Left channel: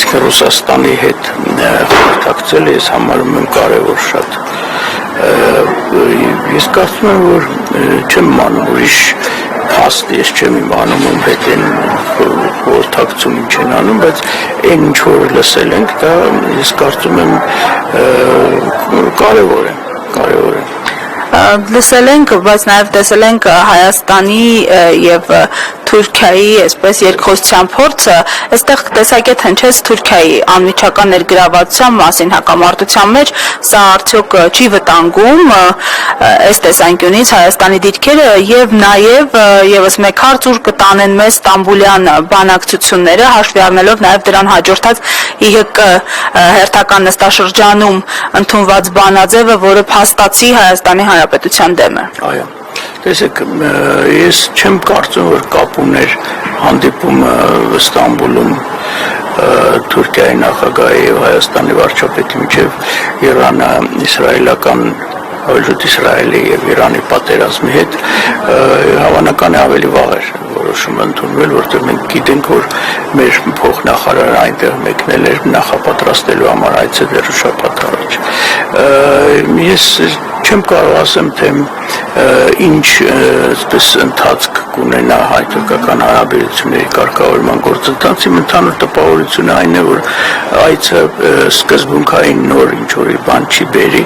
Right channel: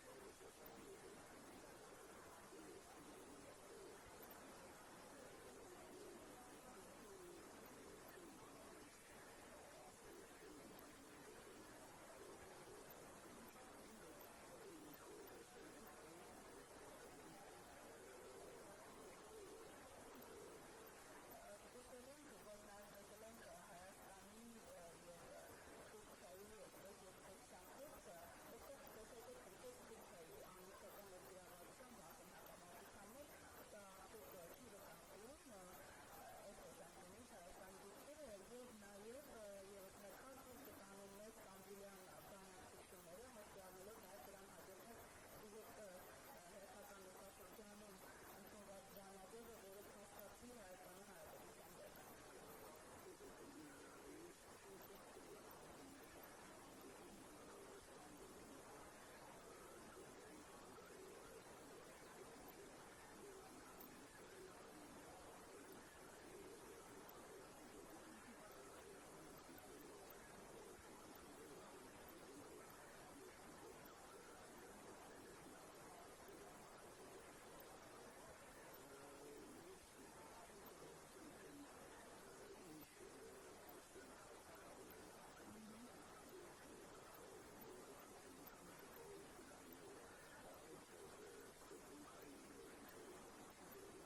իսկ Ռուսաստանի հետ խորհրդակցել ես համարում եմ կարևոր շատ։ Ես կարծում եմ, որ չեմ իմանում ուրիշ հաստ ես չեմ իմանում ում հետ են խորհրդակցում ինչ են անում, բայց այն ինչ որ լսել ենք, դա ես կարծում եմ կարևոր է։ Լսել ենք, բայց նաև տեսել ենք Հայաստանի եւ Թուրքիայի այսպես երկխոսության փորձը, այստեղ տեսակետ հնչեց Թուրքիայի անմիջական ներգրավվածության մասին հակամարտության մեջ, սա արդյոք չի վտանգում այս տեսանկյունից Հայաստանի դիրքերը եւ նաեւ եւս մեկ հարց ուր կտանեն մեզ Ստամբուլյան բանակցությունները, հաշվի առնելով նաեւ դրան հաջորդած ԻՀԿ հերթական նստաշրջանում ընդունված բանաձևը, որը փաստացի Հայաստանի Հանրապետության դեմ է։ Այո։ Տեսեք, ես չեմ կարծում, որ կապ ուներ հանդիպումը Ստամբուլում Թուրքիայի նախագահի եւ Հայաստանի վարչապետի միջև Իրան-իսրայելական Հաջորդ Իսրայելի եւ Իրանի պատերազմի հետ հավանական է ավելի վաղ էր որոշումը ընդունվել, որտեղ մենք գիտենք, որ մեր փոխնախարարը այնտեղ մեկնել էր նախապատրաստելու համար այցը դեռ շաբաթ առաջ։ Ես չեմ կարող ասեմ, թե ինչ այսպես ընթացք կունենա հայ-թուրքական հարաբերությունների կարգավորման գործընթացի, ընդհանուր տպավորությունը այն է, որ այցը սկզբունքային նոր ինչ-որ բան չի բերի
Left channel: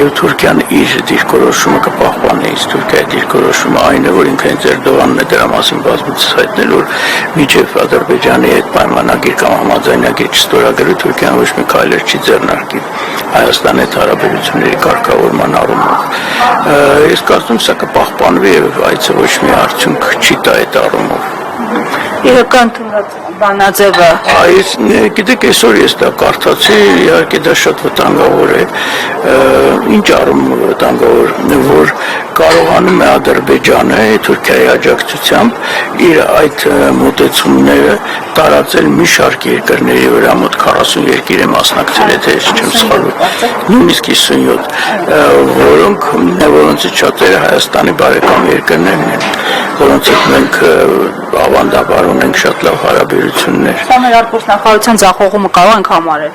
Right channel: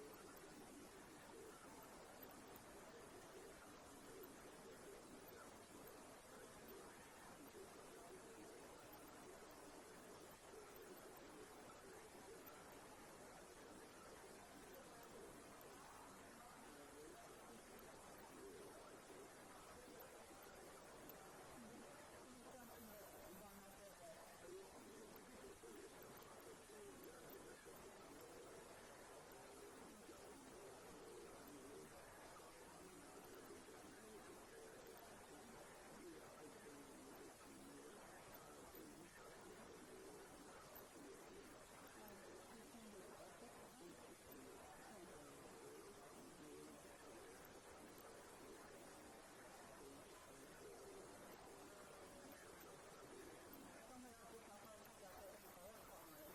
եւ Թուրքիան իր դիրքորոշումը կպահպանի, իսկ Թուրքիայի դիրքորոշումը այն է, որ ինքը հենց Էրդողանն է դրա մասին բազմիցս հայտնել, որ մինչեւ Ադրբեջանի հետ պայմանագիր կամ համաձայնագիր չստորագրի Թուրքիան ոչ մի քայլեր չի ձեռնարկի Հայաստանի հետ հարաբերությունների կարգավորման առումով։ Ես կարծում սա կպահպանվի եւ այցը ոչ մի արդյունք չի տա այդ առումով։ ԻՀԿ ընդունած բանաձևը գիտեք, այսօր ես դա կարդացի, իհարկե դա շատ վտանգավոր է, ինչ առումով վտանգավոր, որ կարողանում է Ադրբեջանը Թուրքիայի աջակցությամբ իր այդ մոտեցումները տարածել մի շարք երկրների վրա, մոտ 40 երկիր է մասնակցել, եթե ես չեմ սխալվում, նույնիսկ 57, որոնցից շատերը Հայաստանի բարեկամ երկրներն են, որոնց հետ մենք ավանդաբար ունենք շատ լավ հարաբերություններ։ Սա մեր արտգործնախարարության ձախողումը կարող ենք համարել։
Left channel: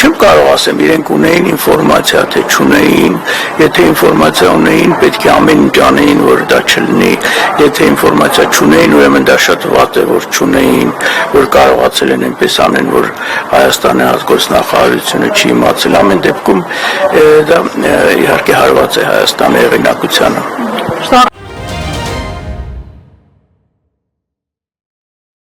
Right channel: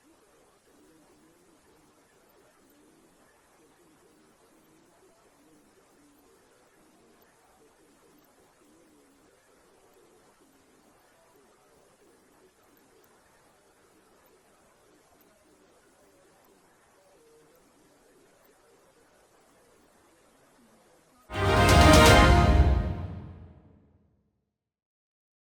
Չեմ կարող ասեմ, իրենք ունեին ինֆորմացիա, թե չունեին, եթե ինֆորմացիա ունեին, պետք է ամեն ինչ անեին, որ դա չլինի, եթե ինֆորմացիա չունեին, ուրեմն դա շատ վատ է, որ չունեին, որ կարողացել են այնպես անեն, որ Հայաստանի արտգործնախարարությունը չի իմացել, ամեն դեպքում դա իհարկե հարված է Հայաստանի հեղինակությանը։